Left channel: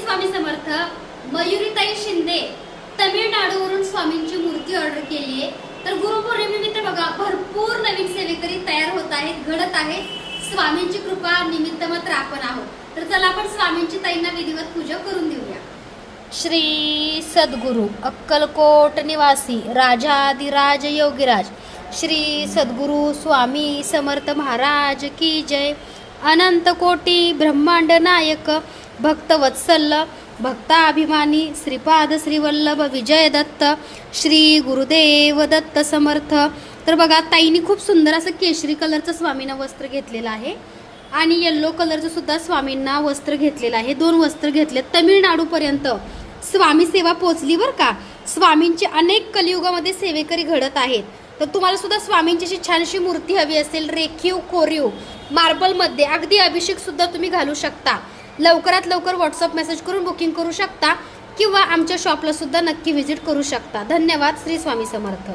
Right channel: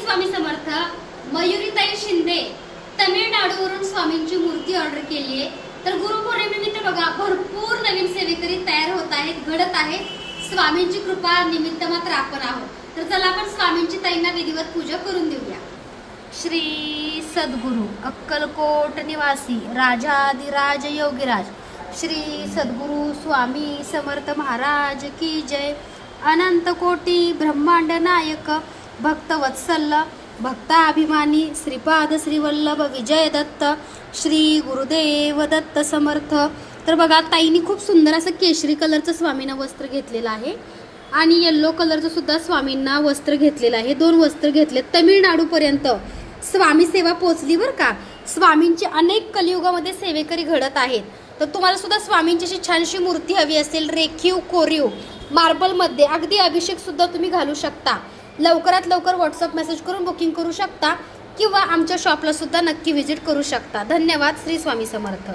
स्वामी समर्थ मयुरीताई शिंदे तमिळनाडूवरून स्वामींची मूर्ती ऑर्डर केली आहे. तर गुरुपौर्णिमेनिमित्त बघा भरपूर नवीन सेवेकरी तयार होत आहेत घडत आहे स्वामींची कृपा निमित्त मात्र आपण आहोत. तर चला आपण स्वामींची ताईंना विधिवत पूजा करून देऊया. श्री सद्गुरु अक्कलकोट निवासी राजाधिराज योगीराज श्री सद्गुरु स्वामी समर्थ महाराज की जय. अनंत कोटी ब्रह्मांड नायक भक्तवत्सल भक्ताभिमानी श्रीपाद श्रीवल्लभ विजय दत्त श्री गुरुदेव दत्त समर्थ. तर बघा ताईनी खूप सुंदर असं केशरी कलरचं स्वामींना वस्त्र घेतलेलं आहे. आणि येल्लो कलरचं सुद्धा स्वामींना वस्त्र घेतलेलं आहे. दोन वस्त्र घेतले तमिळनाडूपर्यंत स्वामी सेवा पोचली बरं का? स्वामींची अनेक कलियुगामध्ये सेवेकरी घडत आहेत. तर तुम्हाला सुद्धा स्वामींची अशी छानशी मूर्ती हवी असेल रेखीव कोरीव मार्बलमध्ये अगदी अभिषेक सुद्धा तुम्ही घालू शकता. लवकरात लवकर व्हॉट्सअप मेसेज करून बुकिंग करू शकता किंवा आमच्या शॉपला सुद्धा नक्की व्हिजिट करू शकता. धन्यवाद श्री स्वामी समर्थ.